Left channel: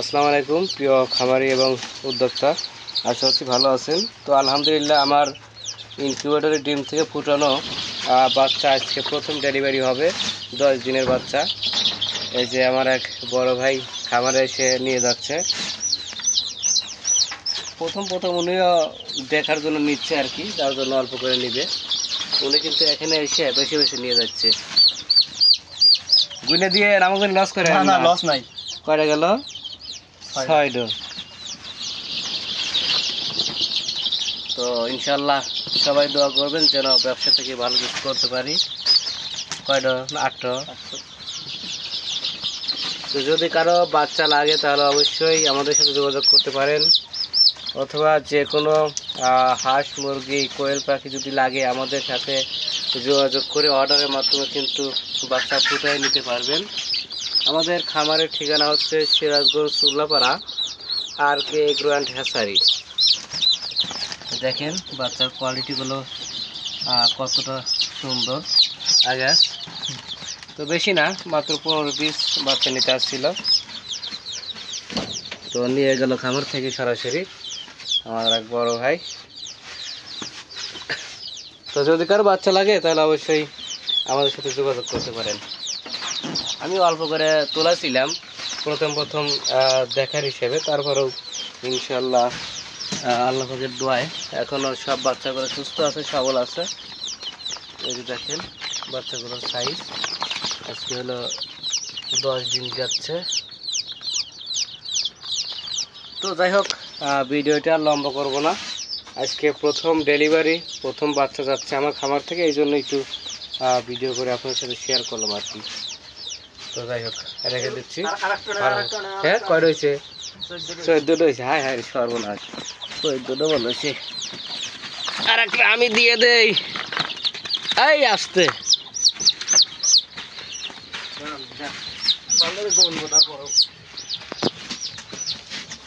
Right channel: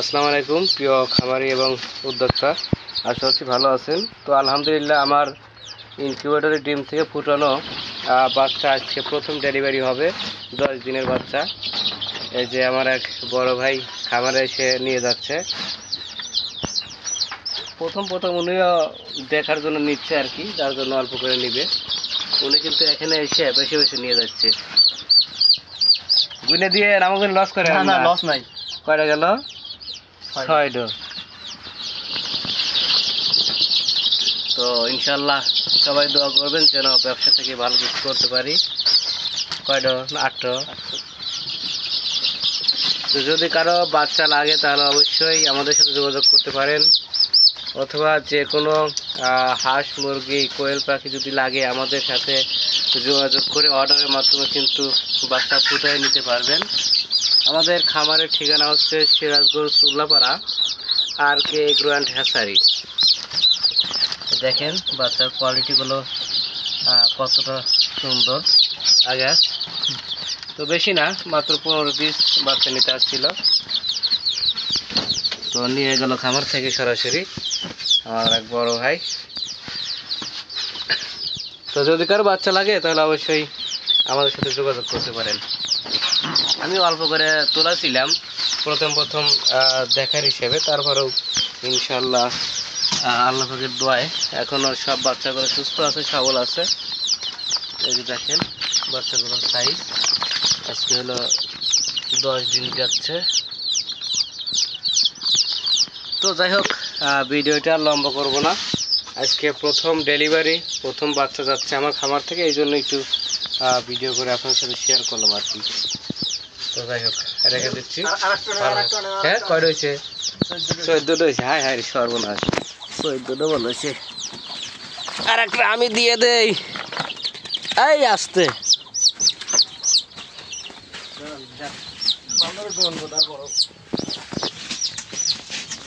আসসালামু আলাইকুম প্রিয় খামারি এবং উদ্যোক্তা, আশা করছি ভালো আছেন। তো আলহামদুলিল্লাহ আমার ইনকিউবেটরের ডিম থেকে ফুটানো বাচ্চা আজকে প্রথম ডেলিভারি হবে, 10 দিনের বাচ্চা। এই যে আমার এক বড় ভাই খামারে এসে নিয়ে যাচ্ছে। প্রথম উনিও দেখার জন্য নিচ্ছে আর কি, যার জন্য অল্প করে নিবে। উনি কিন্তু এখানে এসে বেশি বেশি নিয়ে যাচ্ছে। গুনে দিয়ে আমাকে লস করে না লস নাই। কয়টা গেল? 6টা। তো ইনশাল্লাহ সবাই দোয়া করবেন যেন ব্যবসা থেকে ভালো কিছু করতে পারি। কয়টা? 8টা। তো যদি কারো বাচ্চা লাগে তাহলে অবশ্যই আমাদের সাথে যোগাযোগ করতে পারেন, অথবা যে কোনো হাঁস মুরগি কোয়েল পাখি যদি লাগে আমাদের সাথে যোগাযোগ করে অর্ডারের মাধ্যমে কিন্তু বাচ্চা ফুটায় নিতে পারবেন। আমাদের খামারের ঠিকানা হচ্ছে Sirajganj Ullapara RK agro and hatchery. দেখেন বাচ্চার কোয়ালিটিগুলো কতটা সুন্দর। আগাস তো বেশি না, মাত্র 15-20 বাচ্চা নিতে আসছিল। তো নিয়ে গেল খামার থেকে সরাসরি আমার এক বড় ভাই। তো যদি কারো বাচ্চা লাগে তাহলে অবশ্যই আমাদের সাথে যোগাযোগ করতে পারেন। আমি অল্প করে তোলাছিলাম প্রথম দেখার হিসেবে, তারপরেও ইনশাল্লাহ আল্লাহ পাকের দোয়ায় এখনও সব বাচ্চাগুলো সুস্থ আছে, সবল আছে। এই যে দেখেন বাচ্চাগুলোর সাইজ, আজকে হলো 10 দিন যাচ্ছে। তো যাই হোক, ভিডিওটা আর লম্বা করবো না। আজকে প্রথম ডেলিভারি, প্রথম বাচ্চা যাচ্ছে আমার খামার থেকে, এই জন্য একটু ভিডিও করে আপনার সাথে শেয়ার করলাম আর কি। তো যাই হোক রেখে দিচ্ছি। হ্যাঁ কয় রয়েছে? 14টা হয়েছে। হায় হায় সর্বনাশ, 14টা বল হয়েছে। আর একটা আমি দিয়ে দেই, এই আসতে